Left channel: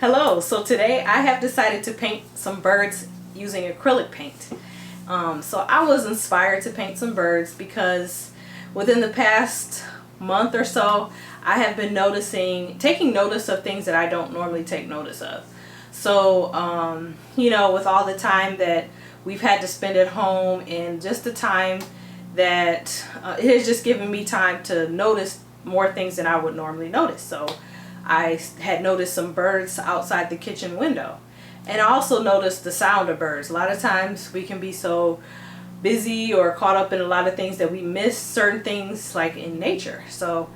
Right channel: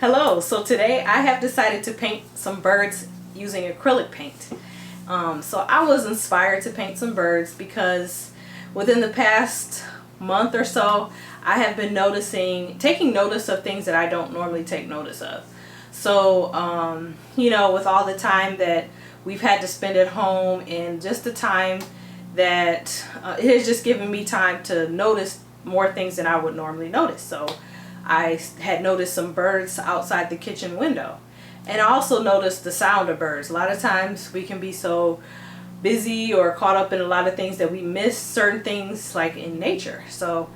Hello, so today I have decided to paint some birds using acrylic paint. So I was inspired to paint some birds because within the past month or so I have been taking notice of things that I don't normally take notice of. So with all the time that we've had to spend at home and just the time that it has just given me time to notice more things than I would normally notice. So I had noticed some birds outside the kitchen window, and I also noticed the sound of birds. A lot of times we can be so busy or caught up in a lot of things that we miss certain things like in nature. So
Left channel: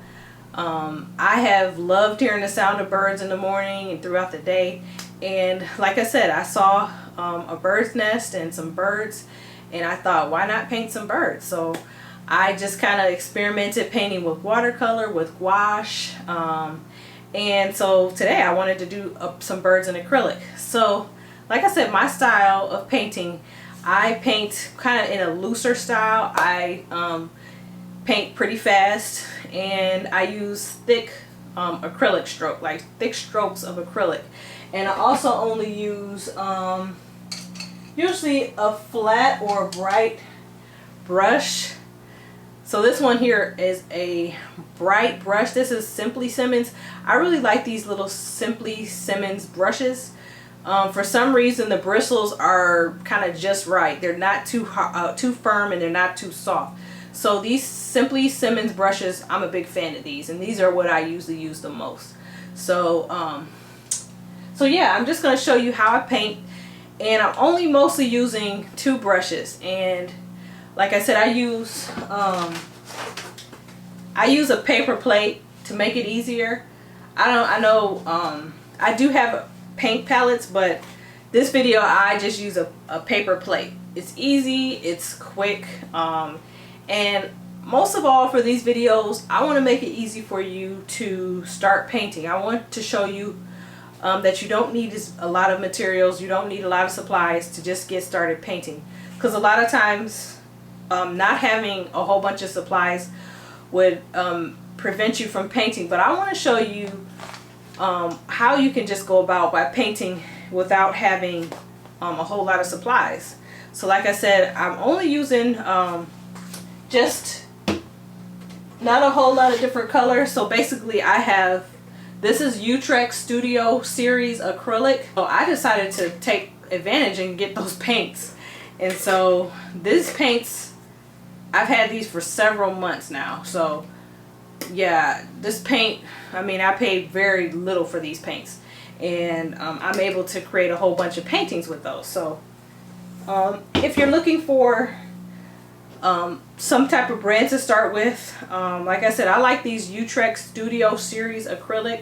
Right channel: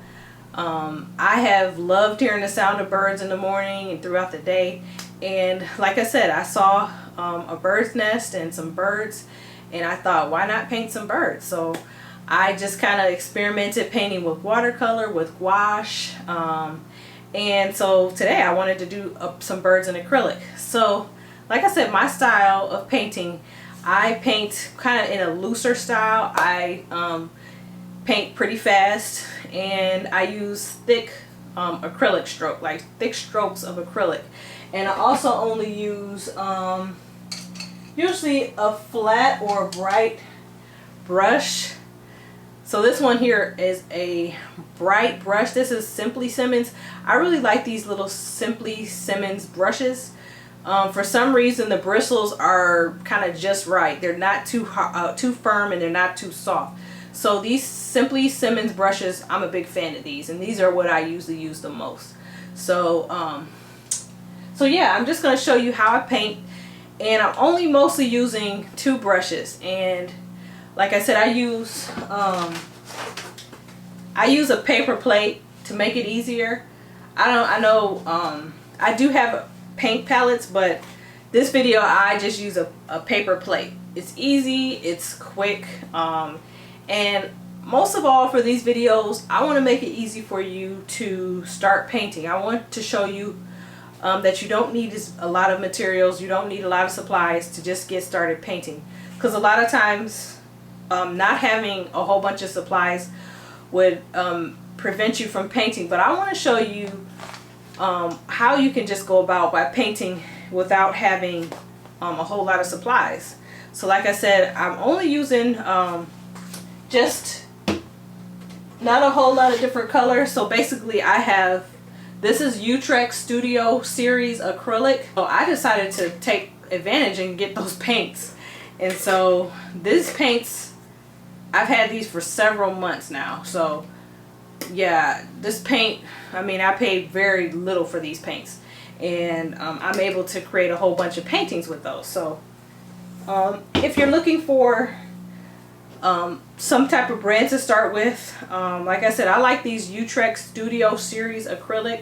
I have loved hearing the sound of birds in the morning and throughout the day, and like I said, I saw a bird's nest and some birds, and I thought, why not paint some birds? So I just kind of experimented painting with watercolor, with gouache, and so today I wanted to do some birds in acrylic. So like I said, my style of painting, I paint kind of in a looser style. I paint pretty fast, and I use thick acrylic stroke, like thick strokes of acrylic. And I also only use usually a flat or a bright brush. So this one here is a bright brush. This is Simply Simmons. I really like these little Simply Simmons brushes. For some reason the bristles are kind of just right. They're not too firm, and they're not too soft. So these Simply Simmons brushes, I'm a big fan of these, and these are what I usually use the most. So yeah, I'm just going to show you how I paint, and I'm only mostly using two brushes. And like I said, I use a paper plate to make it easier. I do have paint palettes, but this video I just use a paper plate. It's easy, it's quick, and most of all for these videos I want to make it easy for you to start painting. I want to show you that you don't need a lot of materials, you don't need a lot of supplies to just get started painting, because a lot of times not having a whole bunch of supplies would prevent you from painting. But I want to show you how you can just go about by painting without having a whole lot of supplies. So like I said, I'm only using just not a whole lot of different colors. So basically this is Utrecht Studio Series acrylic. So I decided to take advantage and get those paints. And so these paints, I've had these for several months now. So yeah, this paint, I paid very little for these paints, and I'm able to create a whole bunch of paintings with those. So if you're looking for some type of brand to start with, like I said, I like these Utrecht Studio Series acrylic,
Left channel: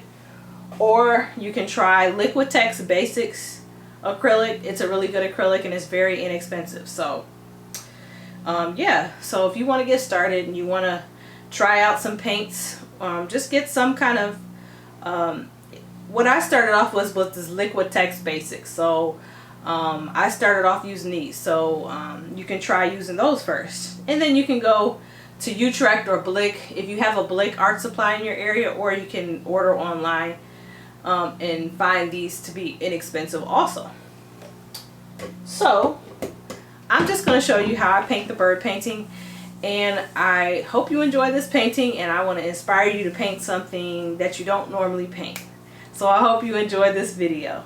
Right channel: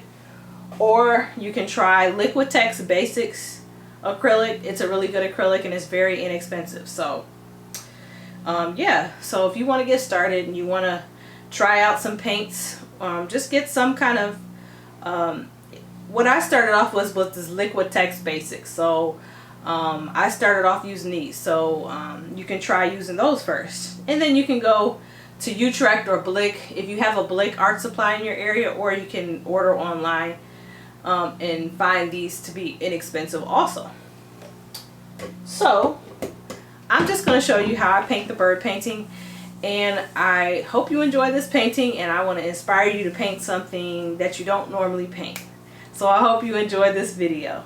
or you can try Liquitex Basics acrylic. It's a really good acrylic, and it's very inexpensive. So yeah, so if you want to get started and you want to try out some paints, just get some kind of what I started off with this Liquitex Basics. So I started off using these, so you can try using those first, and then you can go to Utrecht or Blick if you have a Blick art supply in your area, or you can order online and find these to be inexpensive also. So I'm just going to show you how I paint the bird painting, and I hope you enjoy this painting, and I want to inspire you to paint something that you don't normally paint. So I hope you enjoy this video.